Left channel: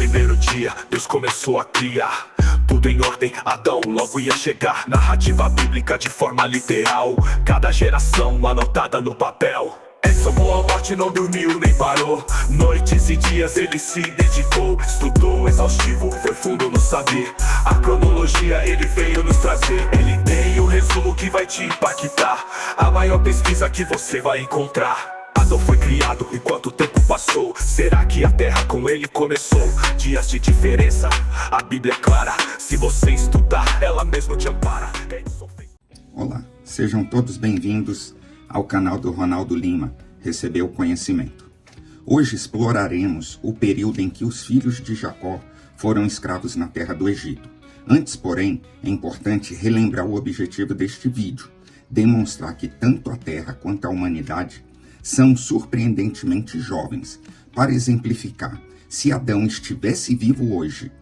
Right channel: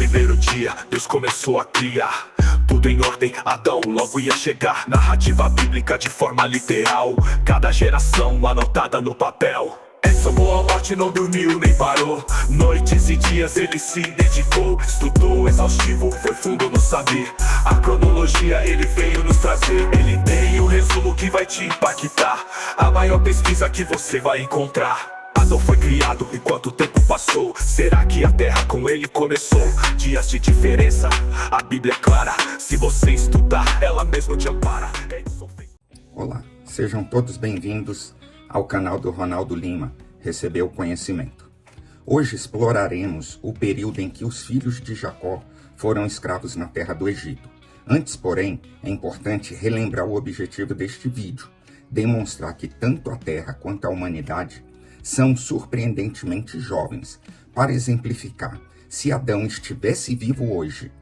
primeiro dia, Deus começou a criar tudo em ordem, Adão logo ia chegar. Narrativa bíblica de forma literal, cada geração anotada no papel. Essa boa morte não dormiu nem parou, noites e dias ele se dedicou. Estudou exaustivo, foi fundo no saber, a cronologia ele veio nos trazer. Ele tem o resumo que vai te impactar, a maior pesquisa que você vai encontrar. Adão foi criado e quanto tempo passou? Será que a terra com ele começou? Dias de diferença, a Bíblia é clara, se você estudar, ela mesmo te ampara. Olá, sejam todos bem-vindos ao canal do Ronaldo Lima, Recebeu Conhecimento. Hoje exploraremos o período em que os filhos de Jacó foram escravos na terra do Egito. Antes, porém, é importante relembrar o objetivo deste vídeo, demonstrar que tanto a terra quanto a humanidade são surpreendentemente jovens. Para exemplificar, se Adão estivesse vivo hoje,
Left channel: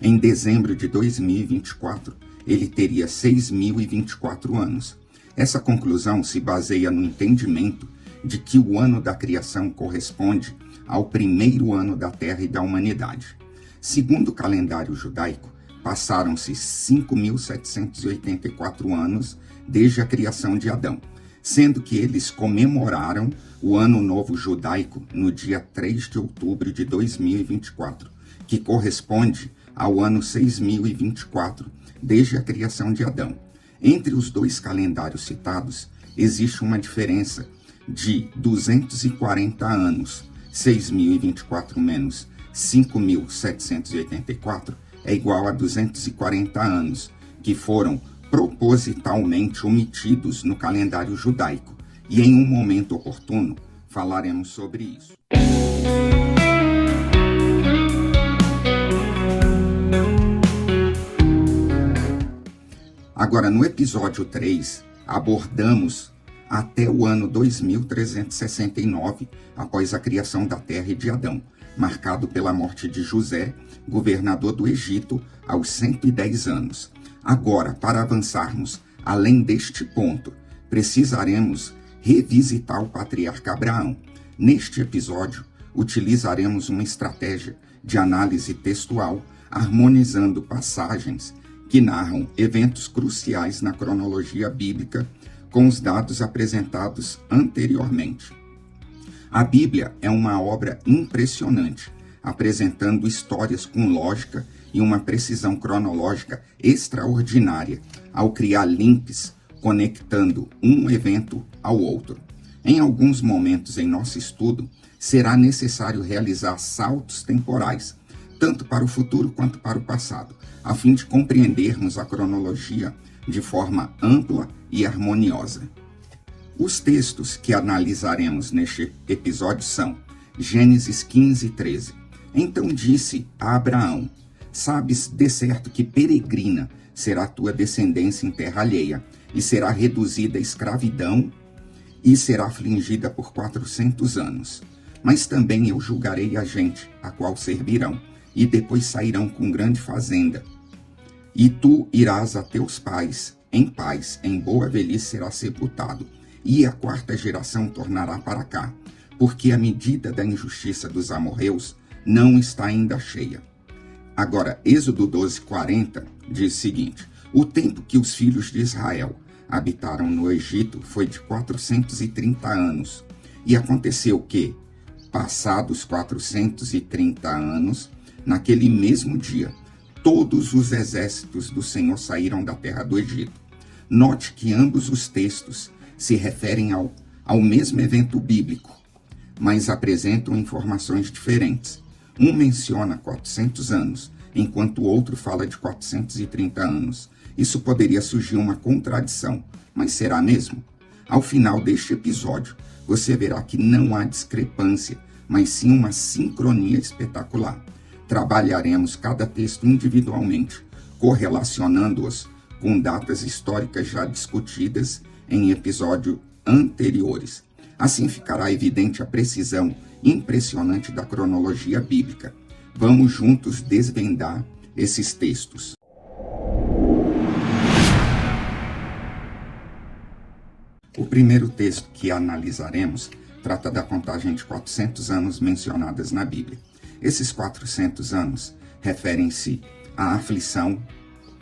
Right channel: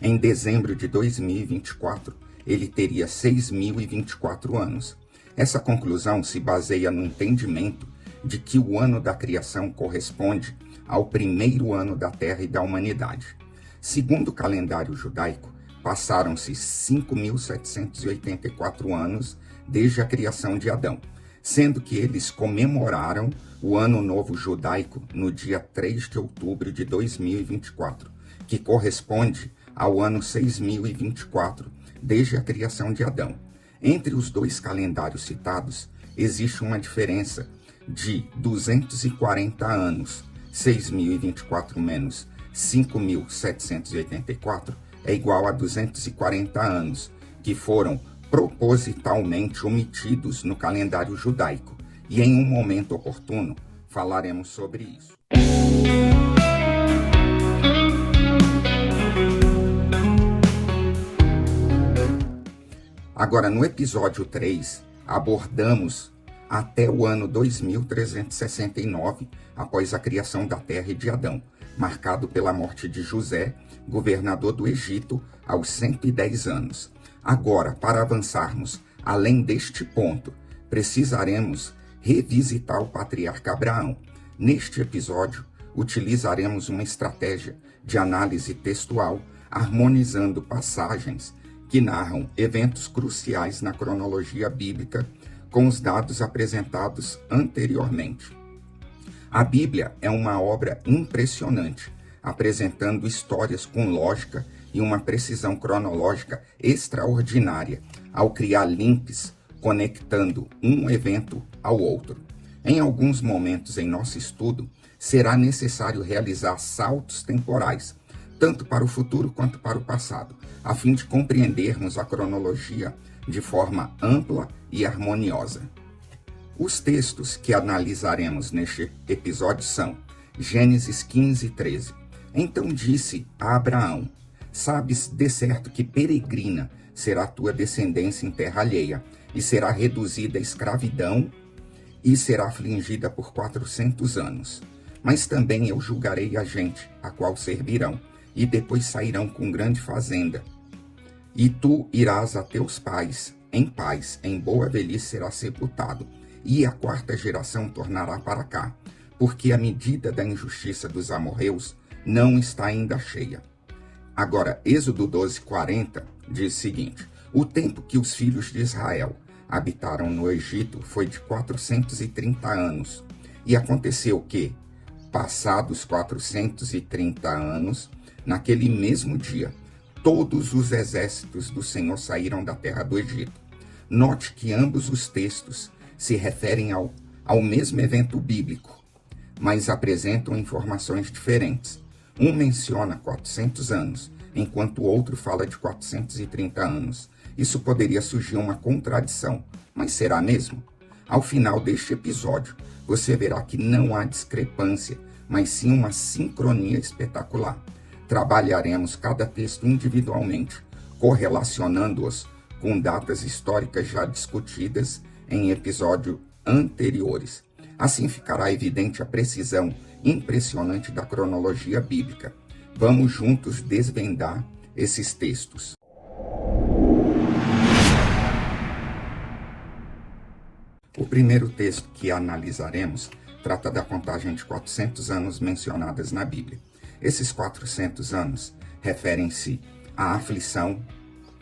em dezembro de 2024, ele teria 6.024 anos. Essa conclusão se baseia no entendimento de que o ano da criação corresponde ao primeiro ano da Terra e da humanidade. Segundo o calendário judaico, passaram-se 5.784 anos desde a criação de Adão, sendo que eles comemoraram o Ano Novo Judaico no dia 3 de outubro de 2024, que corresponde ao ano 6024 desde a criação de Adão. Entre os dois calendários citados, existe uma diferença de 240 anos. 6.024 menos 5.784 é igual a 240 anos, que foram propositalmente omitidos no calendário judaico, e em um momento oportuno falaremos sobre isso. Agora, no episódio 3, abordamos até o ano 2369, após a criação da terra e de Adão, marcado pela morte de José, governador do Egito, aos 110 anos. Agora, para avançarmos além deste ponto, precisaremos revisitar o patriarca Abraão. Neste episódio, utilizaremos uma estratégia de análise textual, harmonizando passagens que narram eventos cruciais na cronologia bíblica com os dados apresentados anteriormente. A Bíblia é uma obra impressionante, apresentando histórias com lógica e uma precisão cronológica extraordinária, ao criar links conectando um evento ao outro. Em alguns momentos em nosso estudo, será necessário realizar saltos temporais, tanto para o futuro quanto para o passado, a fim de compreendermos a cronologia de forma ampla e harmoniosa. Os textos que analisaremos neste episódio são Gênesis 15:13. Então disse a Abraão: sabes de certo que peregrina será tua descendência em terra alheia, e será reduzida à escravidão, e será afligida por 400 anos. Mas também eu julgarei a gente, a qual servirão, e depois sairão com grande fazenda. E tu irás a teus pais, em paz, em boa velhice será sepultado, e a quarta geração tornará para cá, porque a medida da injustiça dos amorreus não está ainda cheia. Agora, Êxodo 12:40 diz o seguinte: o tempo que os filhos de Israel habitaram no Egito foi de 430 anos. E aconteceu que, passados 430 anos, naquele mesmo dia, todos os exércitos do Senhor saíram da terra do Egito. Note que ambos os textos se referem ao mesmo evento bíblico, mas apresentam informações diferentes. Um menciona 400 anos, enquanto o outro fala de 430 anos. Isso poderia surgir uma contradição, mas será mesmo? Ao final deste episódio, você verá que não há discrepância, mas sim uma sincronia espetacular. Trabalharemos cada texto individualmente, correlacionando-os com datas históricas já discutidas em episódios anteriores. Assim ficará evidente a precisão impressionante da cronologia bíblica. Vamos juntos desvendar esses textos. O primeiro texto que analisaremos trata da contagem de 400 anos mencionadas na Bíblia. Esses 400 anos referem-se à aflição,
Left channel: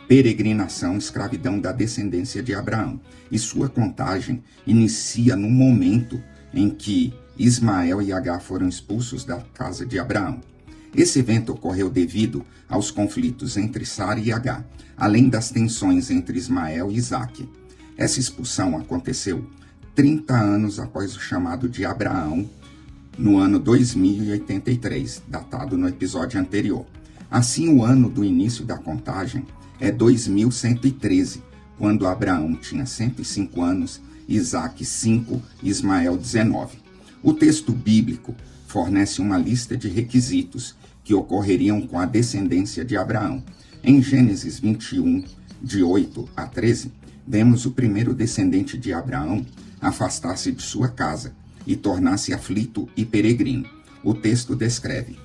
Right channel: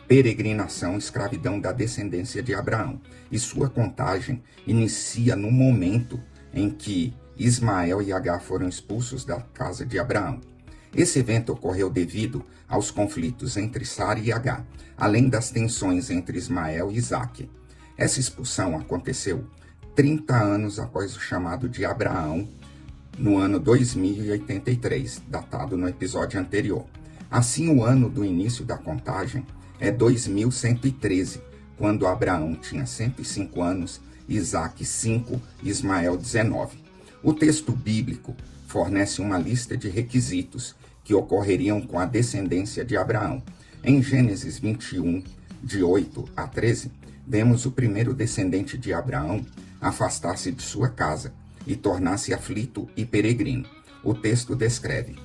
peregrinação e escravidão da descendência de Abraão. E sua contagem inicia no momento em que Ismael e Agar foram expulsos da casa de Abraão. Esse evento ocorreu devido aos conflitos entre Sara e Agar, além das tensões entre Ismael e Isaque. Essa expulsão aconteceu 30 anos após o chamado de Abraão, no ano 2083, datado no episódio anterior. Assim, o ano do início da contagem é 2113, quando Abraão tinha 105 anos, Isaque 5, Ismael 19. O texto bíblico fornece uma lista de requisitos que ocorreriam com a descendência de Abraão. Em Gênesis 21, de 8 a 13, vemos o primeiro descendente de Abraão afastar-se de sua casa e tornar-se aflito e peregrino. O texto descreve:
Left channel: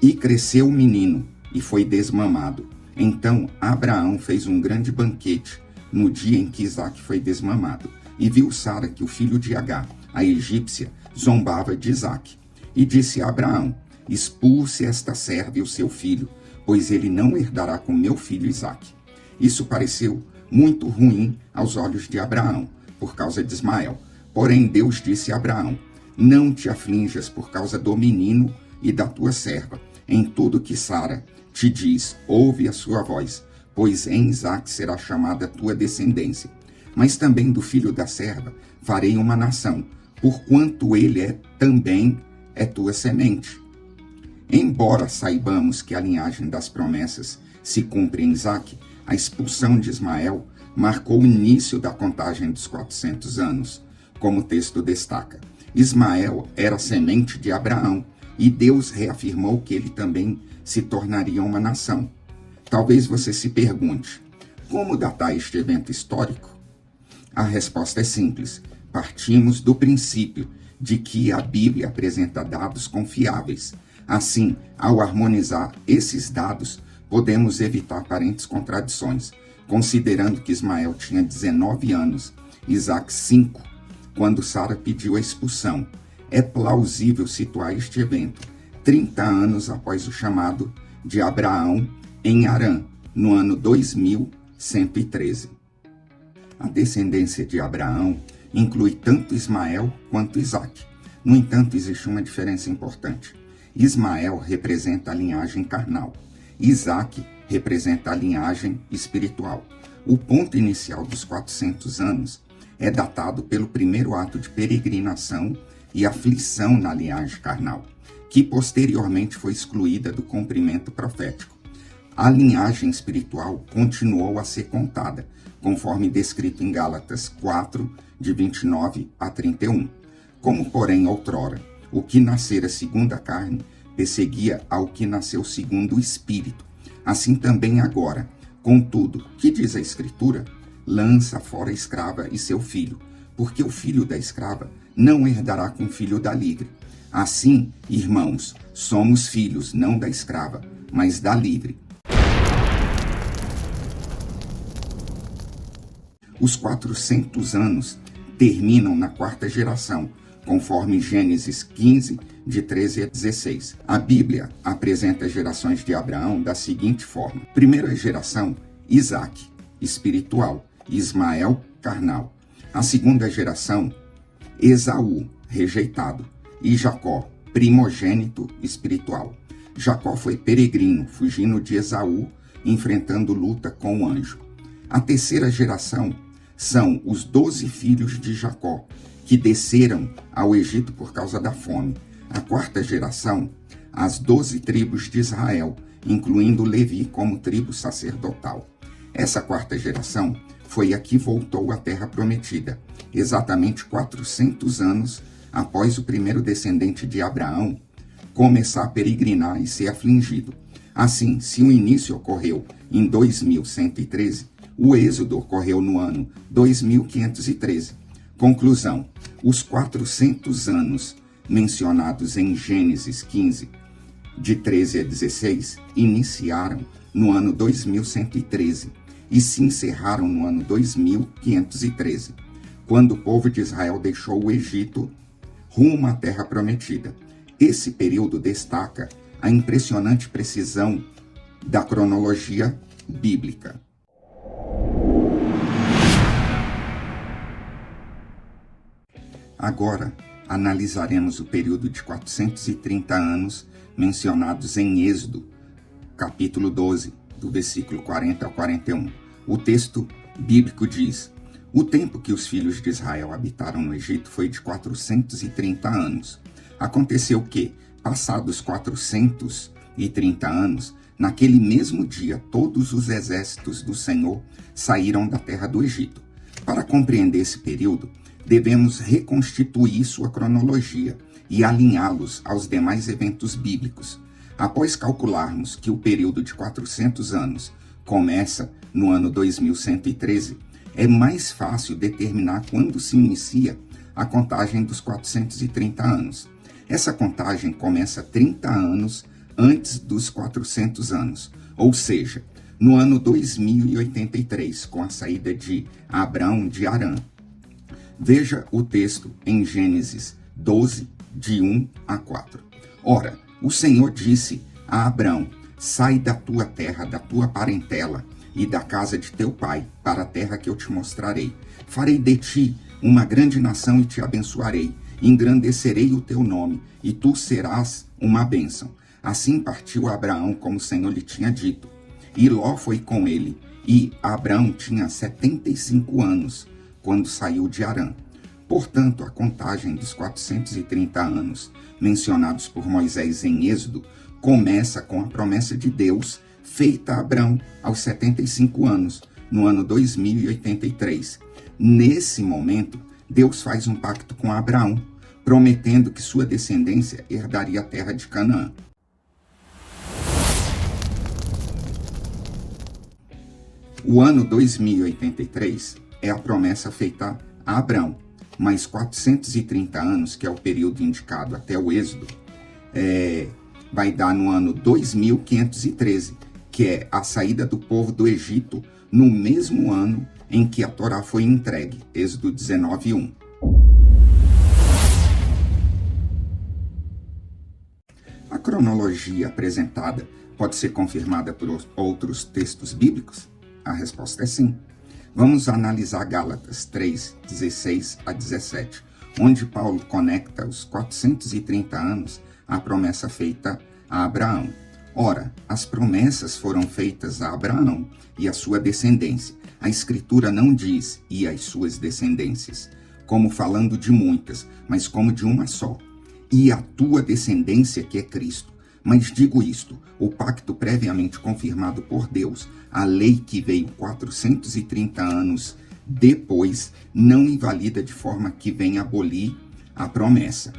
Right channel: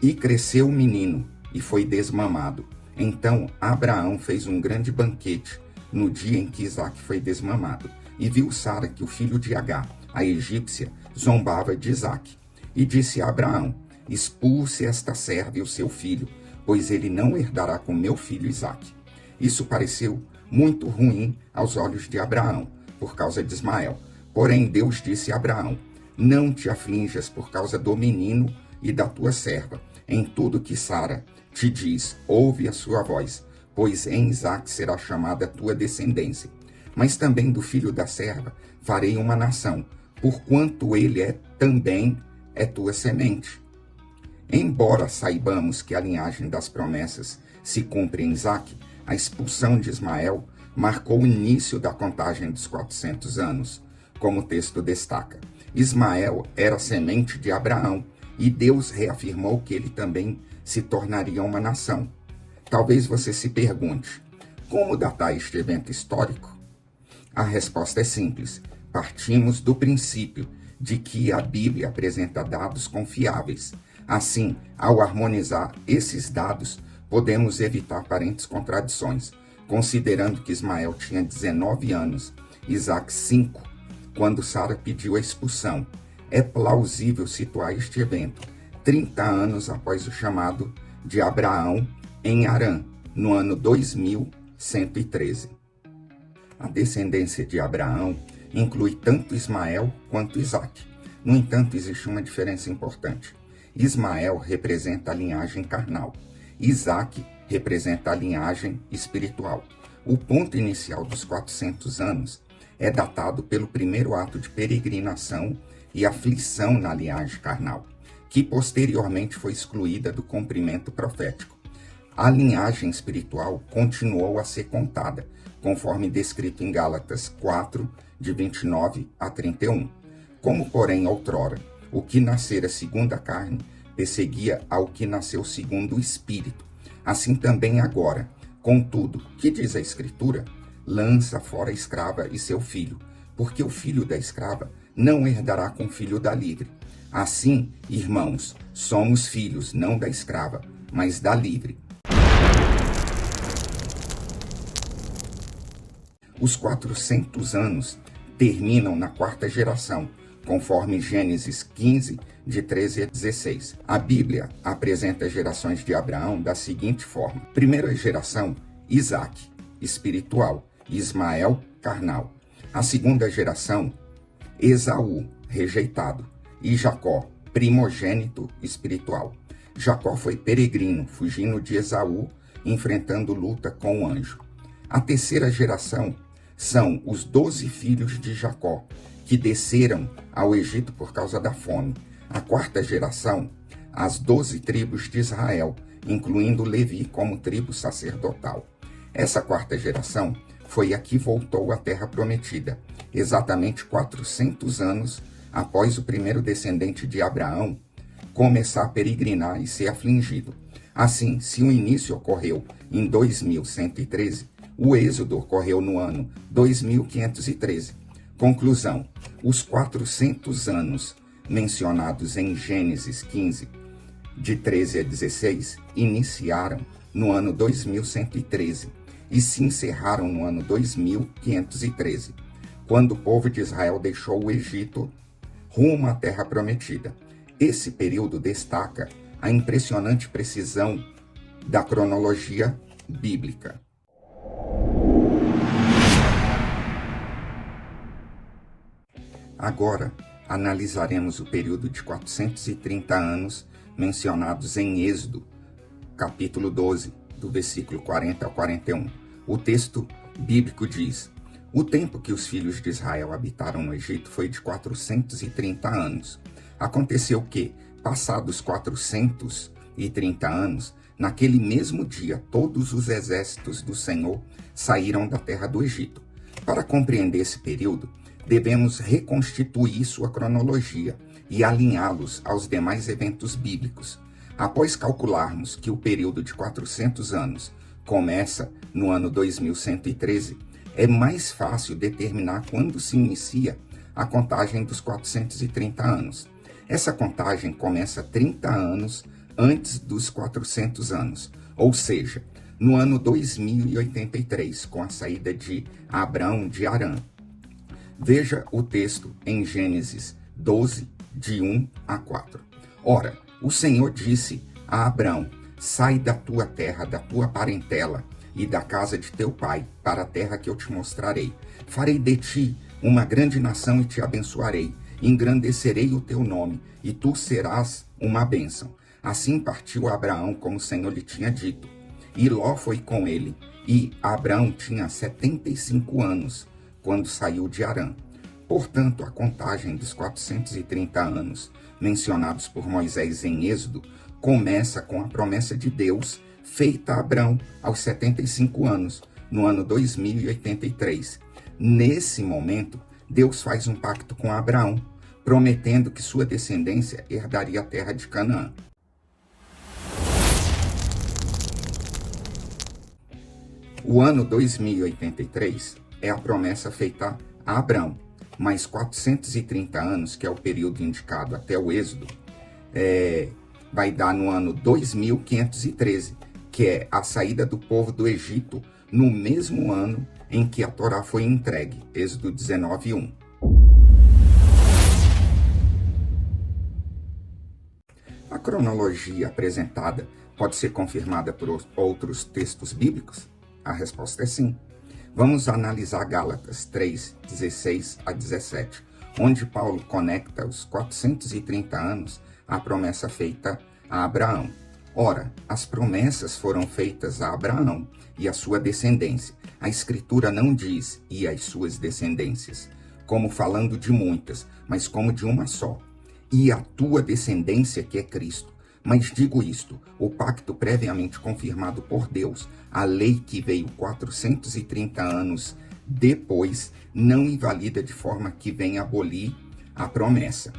"E cresceu o menino, e foi desmamado. Então Abraão fez um grande banquete no dia em que Isaque foi desmamado, e viu Sara que o filho de Agar, a egípcia, zombava de Isaque. E disse a Abraão: expulse esta serva e o seu filho, pois ele não herdará com meu filho Isaque." Isso pareceu muito ruim aos olhos de Abraão, por causa de Ismael. Porém, Deus disse a Abraão: não te aflinjas por causa do menino e da tua serva. Em tudo que Sara te diz, ouve a sua voz, pois em Isaque será chamada a tua descendência. Mas também do filho da serva farei uma nação, porquanto ele também é tua semente. Embora saibamos que a linhagem das promessas se cumpre em Isaque, a expulsão de Ismael marcou o início da contagem dos 400 anos, como o texto destaca. Ismael era semente de Abraão, e Deus reafirmou que ele também se tornaria uma nação. Talvez você se pergunte: como datar este evento histórico? A resposta é simples. Partimos do princípio de que a Bíblia apresenta dados confiáveis. Assim, ao harmonizar esses dados, podemos evitar aparentes contradições, considerando que Ismael tinha 19 anos, Isaque 5, quando Sara pediu a expulsão. É plausível situar este evento 30 anos após o chamado de Abraão em Harã, no ano 2113. A descendência de Abraão inclui tanto Ismael quanto Isaque. No entanto, existe uma diferença importante. Ismael representa a linhagem carnal. Isaque representa a linhagem espiritual. O ponto inicial dos 400 anos é datado pelo primeiro ato de peregrinação e aflição na linhagem carnal, que posteriormente foi excluída do cumprimento profético. A linhagem espiritual continuou a ser contada, conforme descrito em Gálatas 4, de 29 a 31. Como, porém, outrora, o que nascera segundo a carne perseguia ao que nasceu segundo o Espírito, assim também agora. Contudo, que diz a Escritura? Lança fora a escrava e seu filho, porque o filho da escrava não herdará com o filho da livre. Assim, irmãos, somos filhos não da escrava, mas da livre. Os 400 anos terminam na quarta geração, conforme Gênesis 15, de 13 a 16. A Bíblia apresenta as gerações de Abraão da seguinte forma: primeira geração, Isaque, espiritual, Ismael, carnal. A segunda geração, Esaú, rejeitado, e Jacó, primogênito espiritual. Jacó foi peregrino, fugindo de Esaú, enfrentando luta com o anjo. A terceira geração são os 12 filhos de Jacó, que desceram ao Egito por causa da fome. A quarta geração, as 12 tribos de Israel, incluindo Levi como tribo sacerdotal. Essa quarta geração foi a que voltou à terra prometida, exatamente 400 anos após o primeiro descendente de Abraão começar a peregrinar e ser afligido. Assim, se o início ocorreu em 2113, o êxodo ocorreu no ano 2513. Conclusão: os 400 anos mencionados em Gênesis 15, de 13 a 16, iniciaram no ano 2113 e se encerraram no ano 2513, quando o povo de Israel deixou o Egito rumo à terra prometida. Esse período destaca a impressionante precisão da cronologia bíblica. Agora, analisaremos o período de 430 anos mencionados em Êxodo, capítulo 12, do versículo 40 ao 41. O texto bíblico diz: o tempo que os filhos de Israel habitaram no Egito foi de 430 anos. Aconteceu que, passados 430 anos, naquele mesmo dia, todos os exércitos do Senhor saíram da terra do Egito. Para compreender esse período, devemos reconstituir sua cronologia e alinhá-los aos demais eventos bíblicos. Após calcularmos que o período de 400 anos começa no ano 2113, é mais fácil determinar quando se inicia a contagem dos 430 anos. Essa contagem começa 30 anos antes dos 400 anos, ou seja, no ano 2083, com a saída de Abrão de Harã. Veja o texto em Gênesis 12, de 1 a 4. Ora, o Senhor disse a Abrão: sai da tua terra, da tua parentela e da casa de teu pai, para a terra que eu te mostrarei. Farei de ti uma grande nação e te abençoarei. Engrandecerei o teu nome, e tu serás uma bênção. Assim partiu Abraão, como o Senhor lhe tinha dito. E Ló foi com ele, e Abrão tinha 75 anos, quando saiu de Harã. Portanto, a contagem dos 430 anos mencionados por Moisés em Êxodo começa com a promessa de Deus feita a Abrão aos 75 anos, no ano 2083. Nesse momento, Deus faz um pacto com Abraão, prometendo que sua descendência herdaria a terra de Canaã. O ano 2083 é a promessa feita a Abrão, mas 430 anos, que é o período indicado até o Êxodo, vai dar no ano 2513, que é a saída do povo do Egito, no mesmo ano em que a Torá foi entregue, Êxodo 19:1. A cronologia apresentada pode ser confirmada por outros textos bíblicos? A resposta é sim. Vamos analisar Gálatas 3, 16 a 17, onde Paulo conecta os 430 anos à promessa feita a Abraão. Ora, as promessas foram feitas a Abraão e a sua descendência. A Escritura não diz "e as suas descendências", como falando de muitas, mas como de uma só. E a tua descendência, que é Cristo. Mas digo isto, o pacto previamente confirmado por Deus, a lei que veio 430 anos depois, não invalida de forma que venha abolir a promessa.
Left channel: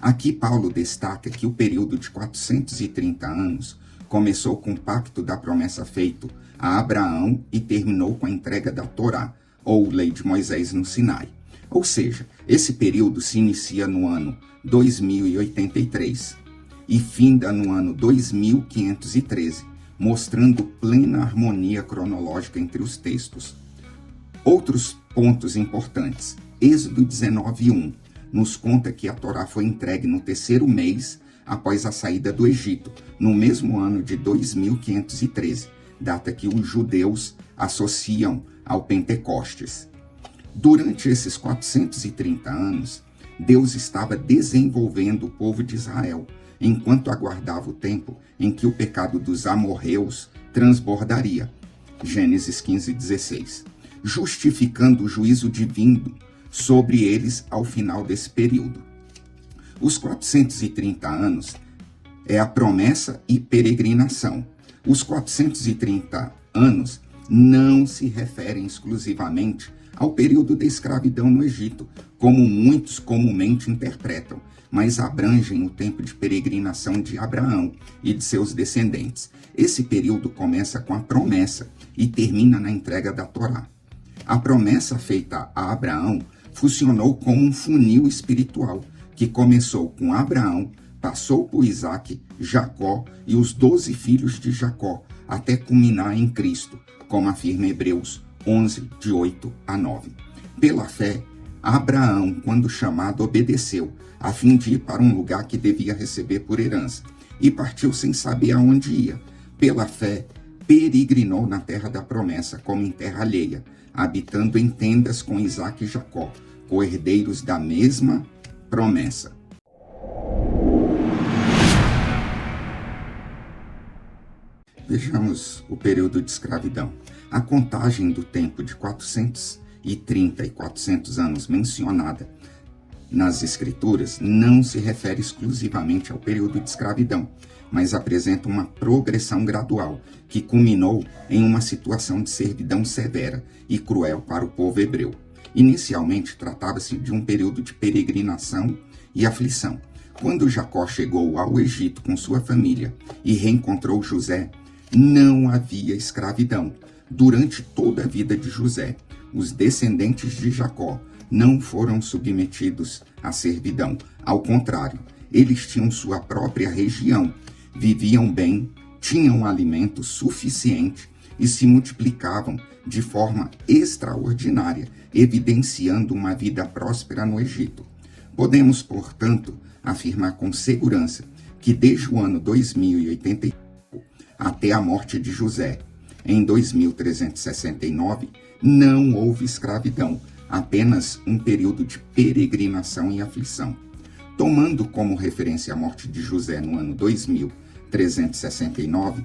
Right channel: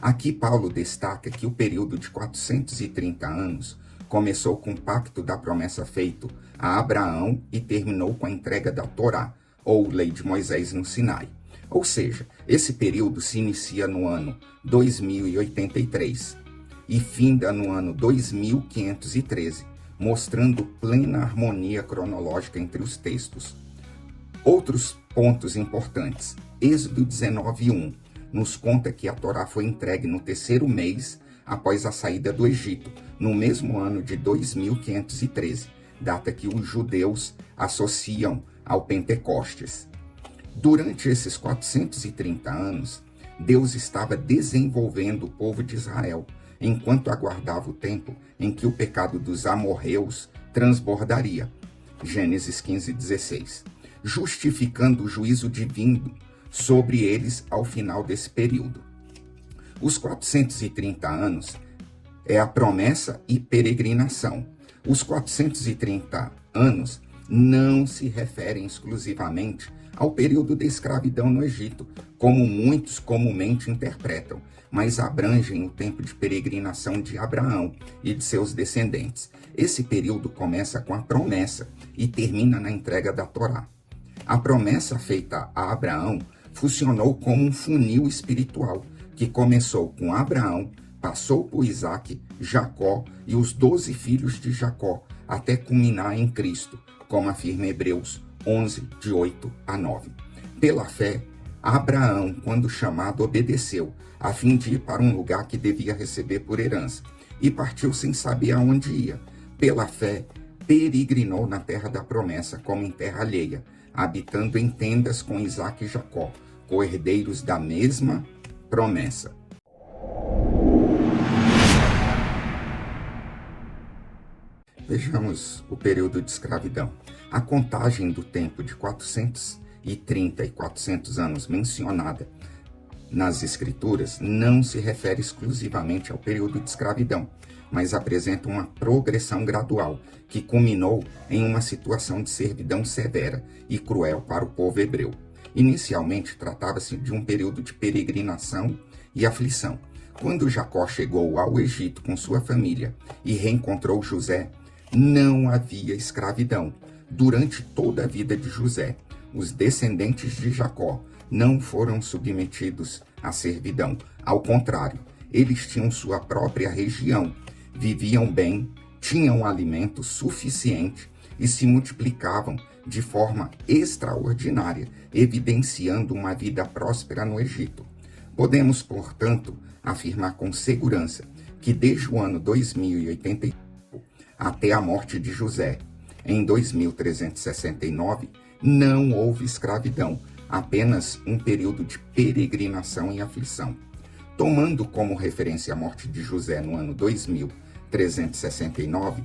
Aqui Paulo destaca que o período de 430 anos começou com o pacto da promessa feito a Abraão e terminou com a entrega da Torá, ou lei de Moisés no Sinai. Ou seja, esse período se inicia no ano 2083 e finda no ano 2513, mostrando plena harmonia cronológica entre os textos. Outros pontos importantes. Êxodo 19:1 nos conta que a Torá foi entregue no terceiro mês após a saída do Egito, no mesmo ano de 2513, data que os judeus associam ao Pentecostes. Durante esses 430 anos, Deus estava desenvolvendo o povo de Israel, enquanto aguardava o tempo em que o pecado dos amorreus transbordaria. Gênesis 15:16, justificando o juízo divino sobre eles ao final desse período. Os 430 anos é a promessa e peregrinação. Os 430 anos não se referem exclusivamente ao período da escravidão no Egito, como muitos comumente interpretam, mas abrangem o tempo de peregrinação de Abraão e de seus descendentes. Esse período começa com a promessa e termina na entrega da Torá. A promessa feita a Abraão funcionou como um funil espiritual, que começou com Abraão, passou por Isaque, Jacó e os 12 filhos de Jacó, até culminar em Cristo, como afirma Hebreus 11, de 8 a 9. Pela fé, Abraão, quando chamado, obedeceu, a fim de ir para um lugar que devia receber por herança, e partiu sem saber aonde ia. Pela fé, peregrinou na terra da promessa, como em terra alheia, habitando em tendas com Isaque e Jacó, co-herdeiros da mesma promessa. Vejamos o período de escravidão. A contagem do tempo de 430 e 400 anos mencionada nas Escrituras não se refere exclusivamente ao período de escravidão, mas apresenta uma progressão gradual que culminou em uma situação de servidão severa e cruel para o povo hebreu. Inicialmente, tratava-se de um período de peregrinação e aflição. Quando Jacó chegou ao Egito com sua família e reencontrou José, não havia escravidão. Durante toda a vida de José, os descendentes de Jacó não foram submetidos à servidão. Ao contrário, eles tinham sua própria região, viviam bem, tinham alimento suficiente e se multiplicavam de forma extraordinária, evidenciando uma vida próspera no Egito. Podemos, portanto, afirmar com segurança que desde o ano 2085 até a morte de José, em 2369, não houve escravidão, apenas um período de peregrinação e aflição. Tomando como referência a morte de José no ano 2369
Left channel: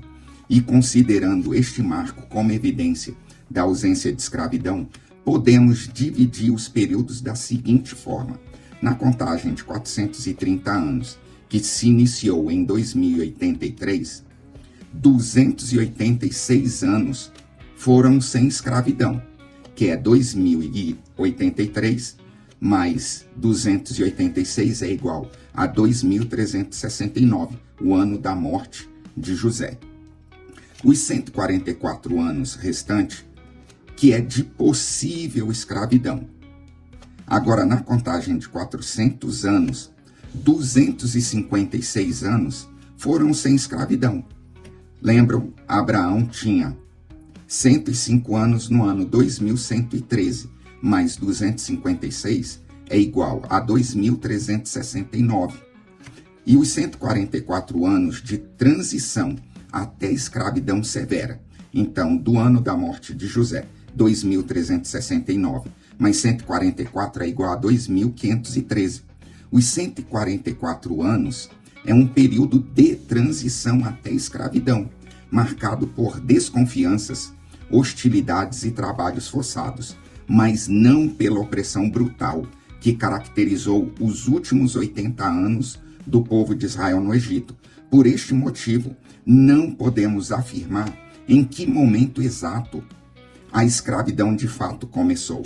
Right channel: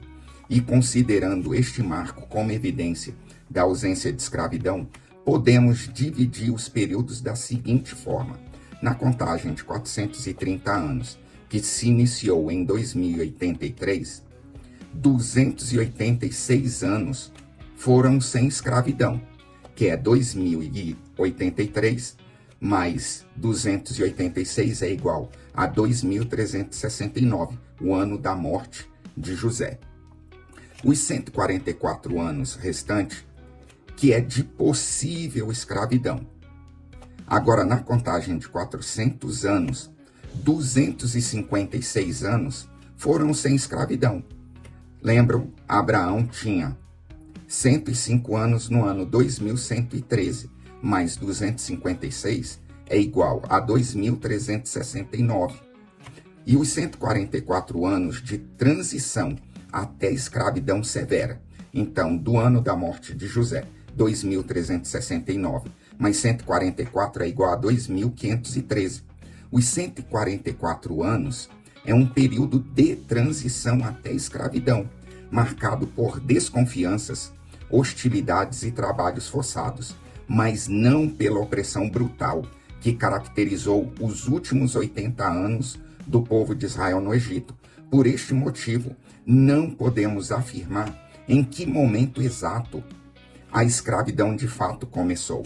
e considerando este marco como evidência da ausência de escravidão, podemos dividir os períodos da seguinte forma. Na contagem de 430 anos, que se iniciou em 2083, 286 anos foram sem escravidão, que é 2083 mais 286 é igual a 2369, o ano da morte de José. Os 144 anos restantes, que é de possível escravidão. Agora, na contagem de 400 anos, 256 anos foram sem escravidão. Lembram, Abraão tinha 105 anos no ano 2113, mais 256 é igual a 2369. E os 144 anos de transição até escravidão severa. Então, do ano da morte de José, 2369, mais 144 é igual a 2513. Os 144 anos é um período de transição até escravidão, marcado por desconfianças, hostilidades e trabalhos forçados, mas não pela opressão brutal que caracterizou os últimos 80 anos do povo de Israel no Egito. Por este motivo, não podemos afirmar em que momento exato a escravidão de fato começou.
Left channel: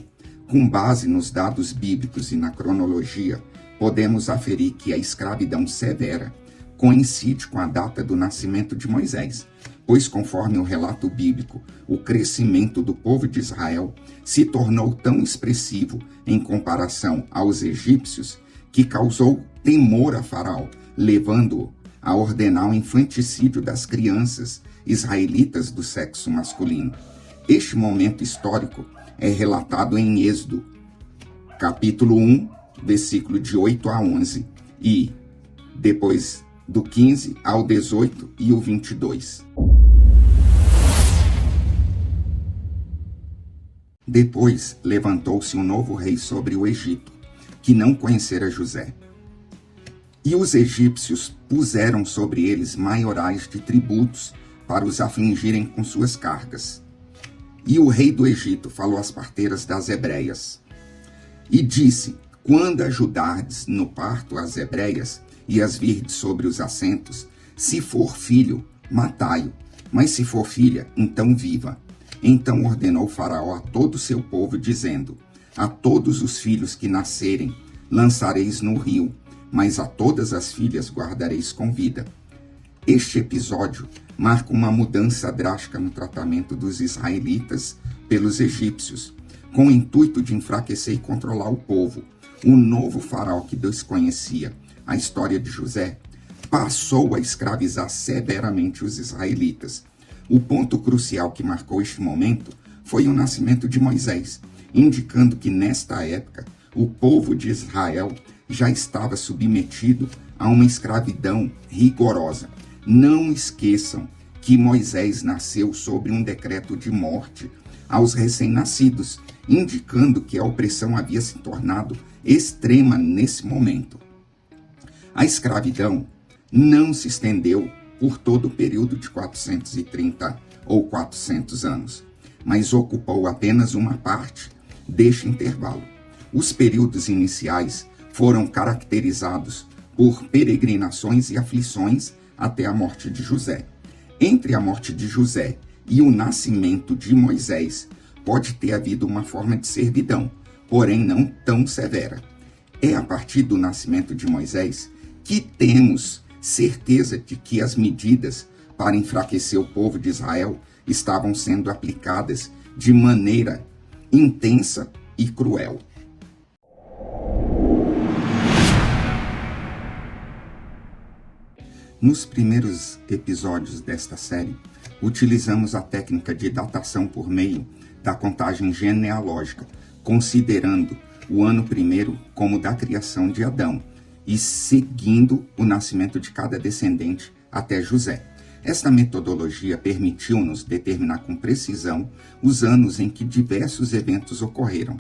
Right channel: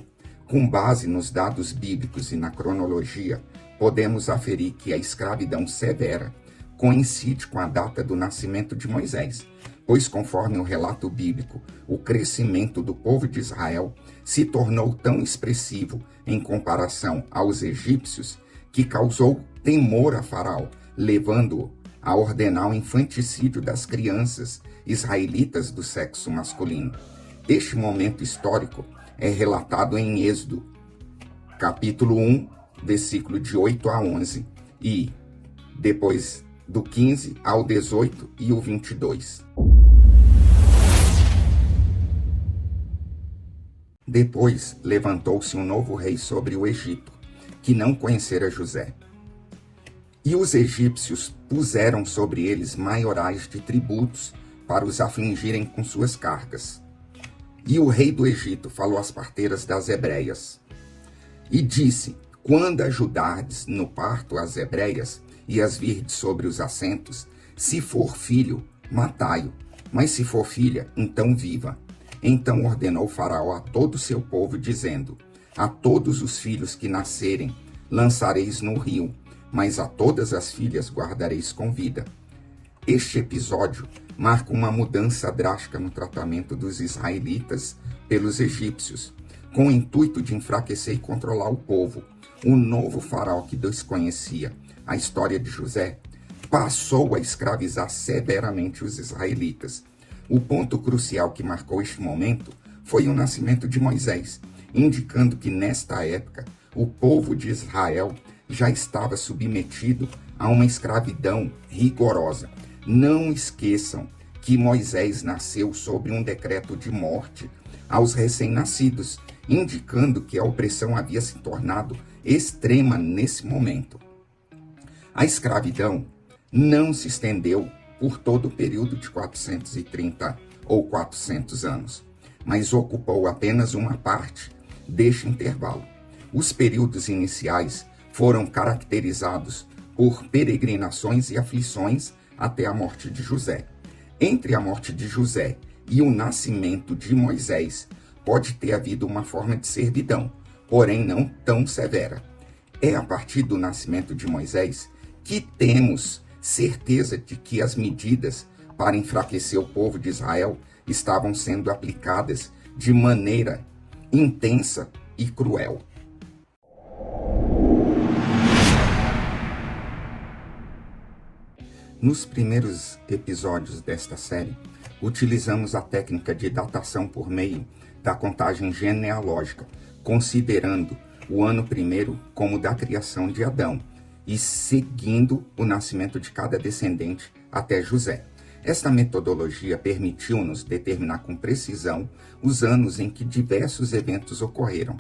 Com base nos dados bíblicos e na cronologia, podemos aferir que a escravidão severa coincide com a data do nascimento de Moisés, pois, conforme o relato bíblico, o crescimento do povo de Israel se tornou tão expressivo em comparação aos egípcios que causou temor a Faraó, levando-o a ordenar o infanticídio das crianças israelitas do sexo masculino. Este momento histórico é relatado em Êxodo, capítulo 1, versículo de 8 a 11, e depois do 15 ao 18 e o 22. Depois levantou-se um novo rei sobre o Egito, que não conhecera José. E os egípcios puseram sobre eles maiorais de tributos para os afligirem com suas cargas. E o rei do Egito falou às parteiras das hebreias e disse: quando ajudardes no parto as hebreias e as virdes sobre os assentos, se for filho, matai-o, mas se for filha, então viva. Então ordenou Faraó a todo o seu povo, dizendo: a todos os filhos que nascerem lançareis no rio, mas a todas as filhas guardareis com vida. Este episódio marca uma mudança drástica no tratamento dos israelitas pelos egípcios, com o intuito de enfraquecer e controlar o povo. O novo faraó, que desconhecia a história de José, passou a escravizar severamente os israelitas. O ponto crucial que marcou este momento foi o nascimento de Moisés. indicando que nesta época o povo de Israel já estava submetido a uma escravidão rigorosa. Não esqueçam que Moisés nasceu sob um decreto de morte aos recém-nascidos, indicando que a opressão havia se tornado extrema nesse momento. A escravidão não se estendeu por todo o período de 430 ou 400 anos, mas ocupou apenas uma parte deste intervalo. Os períodos iniciais foram caracterizados por peregrinações e aflições até a morte de José. Entre a morte de José e o nascimento de Moisés, pode ter havido uma forma de servidão, porém não tão severa. É a partir do nascimento de Moisés que temos certeza de que as medidas para enfraquecer o povo de Israel estavam sendo aplicadas de maneira intensa e cruel. Nos primeiros episódios desta série, utilizamos a técnica de datação por meio da contagem genealógica, considerando o ano primeiro como da criação de Adão e seguindo o nascimento de cada descendente até José. Esta metodologia permitiu-nos determinar com precisão os anos em que diversos eventos ocorreram.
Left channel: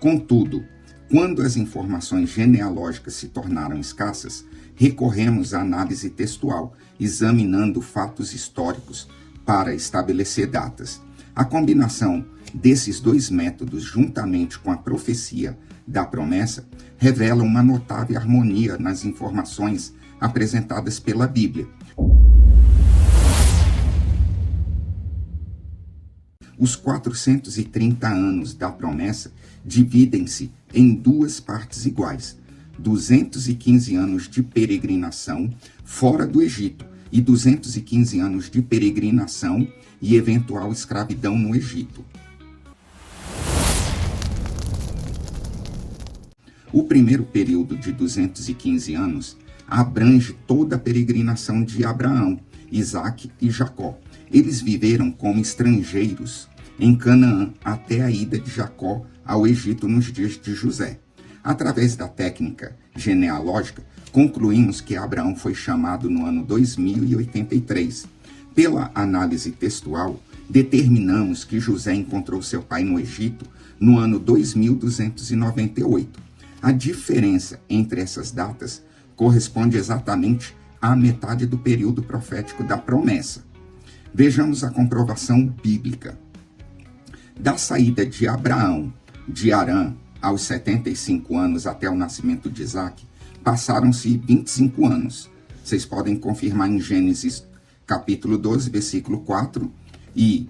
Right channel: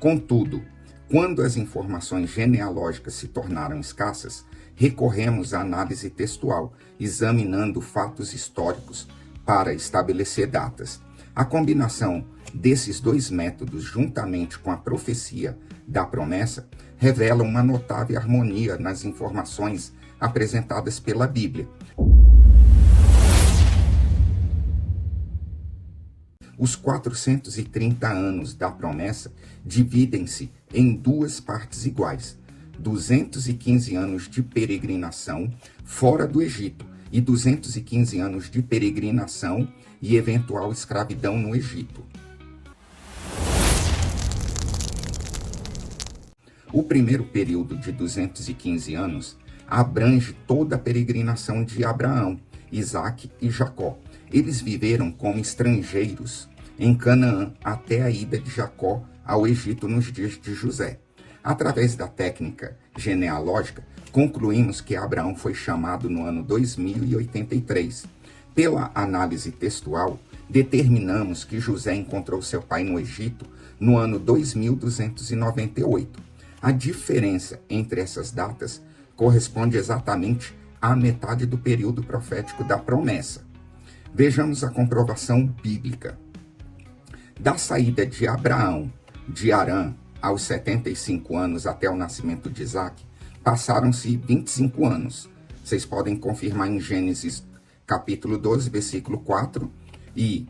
Contudo, quando as informações genealógicas se tornaram escassas, recorremos à análise textual, examinando fatos históricos para estabelecer datas. A combinação desses dois métodos, juntamente com a profecia da promessa, revela uma notável harmonia nas informações apresentadas pela Bíblia. Os 430 anos da promessa dividem-se em duas partes iguais: 215 anos de peregrinação fora do Egito e 215 anos de peregrinação e eventual escravidão no Egito. O primeiro período de 215 anos abrange toda a peregrinação de Abraão, Isaque e Jacó. Eles viveram como estrangeiros em Canaã até a ida de Jacó ao Egito nos dias de José. Através da técnica genealógica, concluímos que Abraão foi chamado no ano 2083. Pela análise textual, determinamos que José encontrou seu pai no Egito no ano 2298. A diferença entre essas datas corresponde exatamente à metade do período profético da promessa. Vejamos a comprovação bíblica. Da saída de Abraão de Harã aos 75 anos até o nascimento de Isaque, passaram-se 25 anos. Vocês podem confirmar em Gênesis capítulo 12, versículo 4 e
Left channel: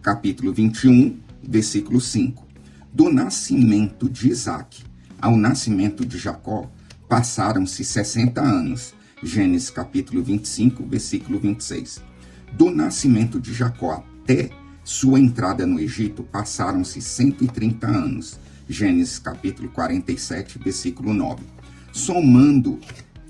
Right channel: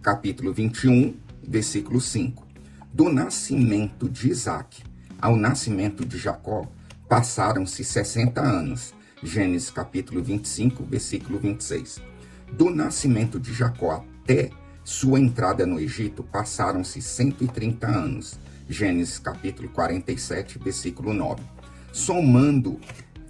capítulo 21, versículo 5. Do nascimento de Isaque ao nascimento de Jacó, passaram-se 60 anos. Gênesis capítulo 25, versículo 26. Do nascimento de Jacó até sua entrada no Egito, passaram-se 130 anos. Gênesis capítulo 47, versículo 9. Somando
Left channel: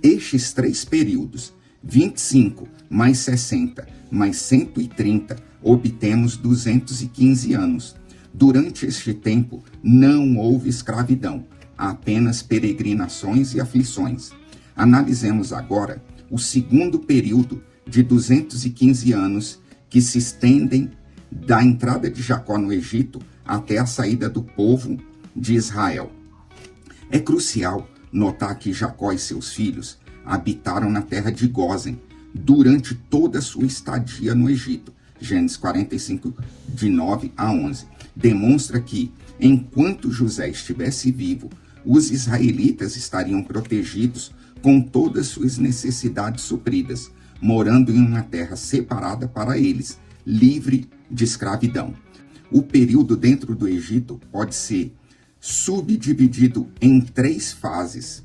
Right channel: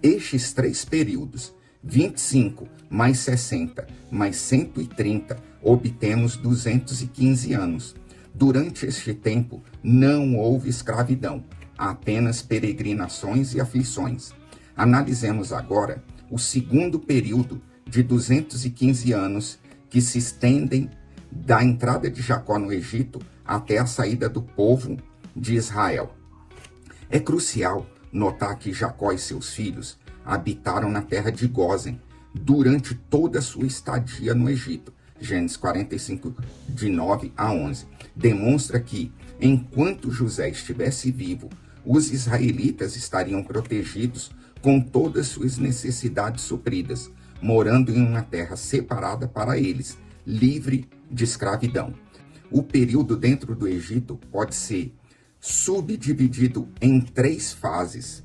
estes três períodos, 25 mais 60 mais 130, obtemos 215 anos. Durante este tempo, não houve escravidão, apenas peregrinações e aflições. Analisemos agora o segundo período de 215 anos que se estendem da entrada de Jacó no Egito até a saída do povo de Israel. É crucial notar que Jacó e seus filhos habitaram na terra de Gósen durante toda a sua estadia no Egito. Gênesis 45, de 9 a 11. Demonstra que, enquanto José estivesse vivo, os israelitas estariam protegidos com todas suas necessidades supridas, morando em uma terra separada para eles, livre de escravidão. O período dentro do Egito pode ser subdividido em três fases.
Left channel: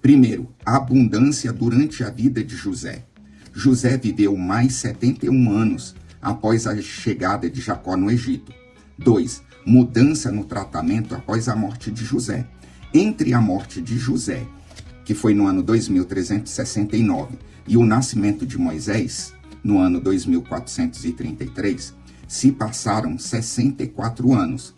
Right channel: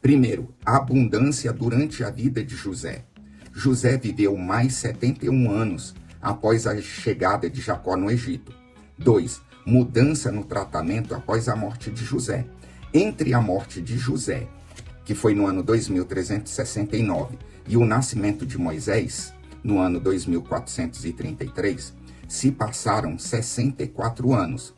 Primeiro, a abundância durante a vida de José. José viveu mais 71 anos após a chegada de Jacó no Egito. 2. Mudança no tratamento após a morte de José. Entre a morte de José, que foi no ano 2369, e o nascimento de Moisés, no ano 2433, se passaram 64 anos.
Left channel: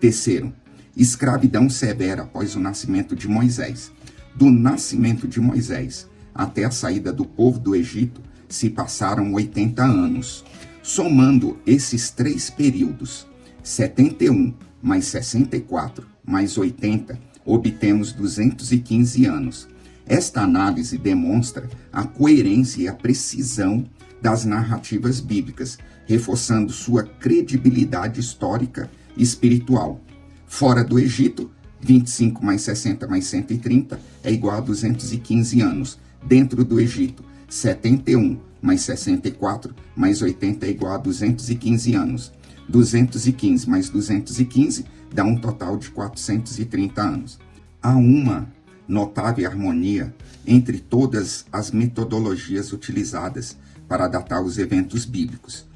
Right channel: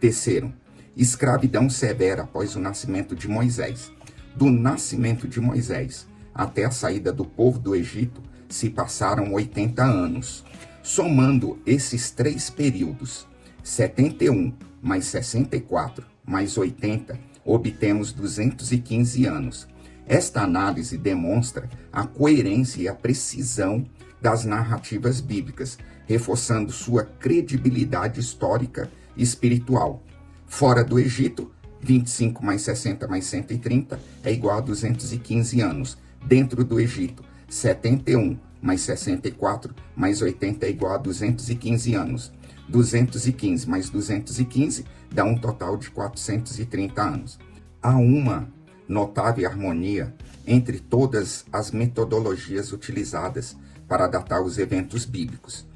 Terceiro, escravidão severa após o nascimento de Moisés. Do nascimento de Moisés até a saída do povo do Egito se passaram 80 anos. Somando esses 3 períodos, 71 mais 64 mais 80, obtemos 215 anos. Esta análise demonstra a coerência e a precisão das narrativas bíblicas, reforçando sua credibilidade histórica e espiritual. Fora do Egito, 25 mais 60 mais 130 é igual a 215 anos. Dentro do Egito, 71 mais 64 mais 80 é igual a 215 anos. 215 mais 215 dá um total de 430 anos. Há uma notável harmonia entre todas as metodologias utilizadas para datar os eventos bíblicos.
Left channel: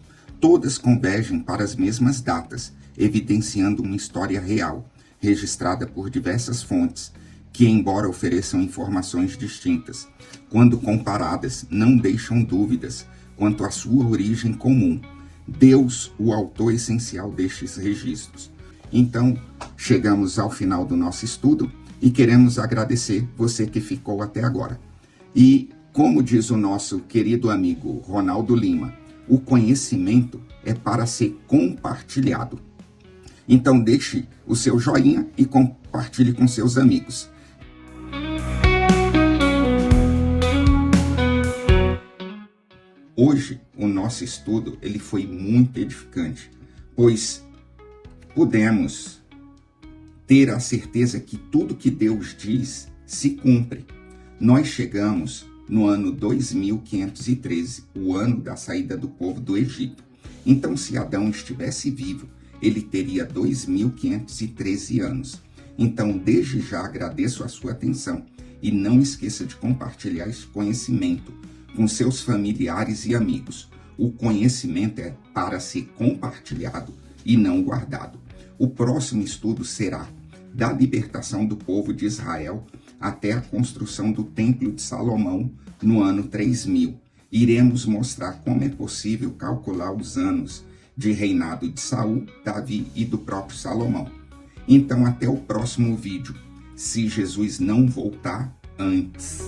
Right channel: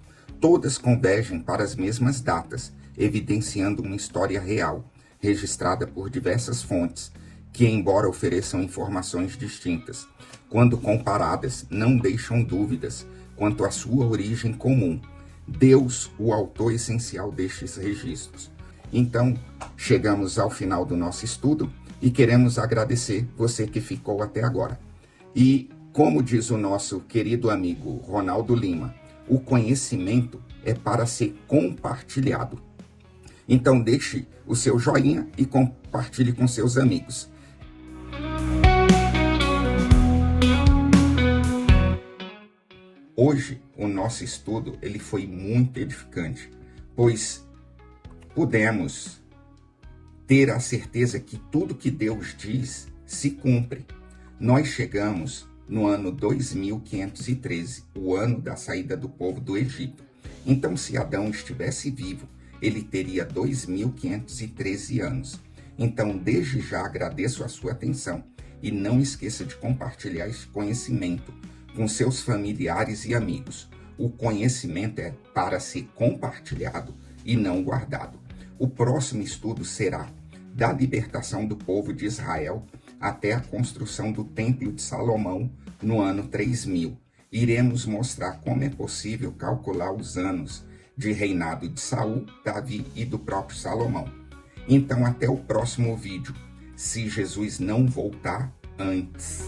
Todas convergem para as mesmas datas, evidenciando uma história real, registrada por diversas fontes, que, embora ofereçam informações distintas, quando comparadas, não deixam dúvidas quanto à sua origem comum. Deus, o autor essencial destes registros. Então, chegamos ao final do nosso estudo e queremos agradecer você que ficou até agora. E, como diz o nosso querido amigo Ronaldo Lima, o conhecimento é para ser compartilhado. Então, deixe o seu joinha e compartilhe com seus amigos. Hoje, o nosso estudo ele foi muito edificante, pois pudemos ter a certeza que tudo que Deus diz se cumpre. Nós chegamos no ano 2513, o ano da saída do povo do Egito. Então, se Adão estivesse vivo, ele teria 2513 anos. Então, desde já agradeço a sua atenção e não esqueça de compartilhar esse conhecimento com seus familiares e amigos. O conhecimento é para ser compartilhado e não guardado. O próximo estudo será da libertação do povo de Israel até a construção do Templo de Salomão no ano 3000. Iremos mostrar como é possível calcular os anos de reinado de Saul, Davi e do próprio Salomão. Então, até o próximo vídeo, se Jesus não voltar antes.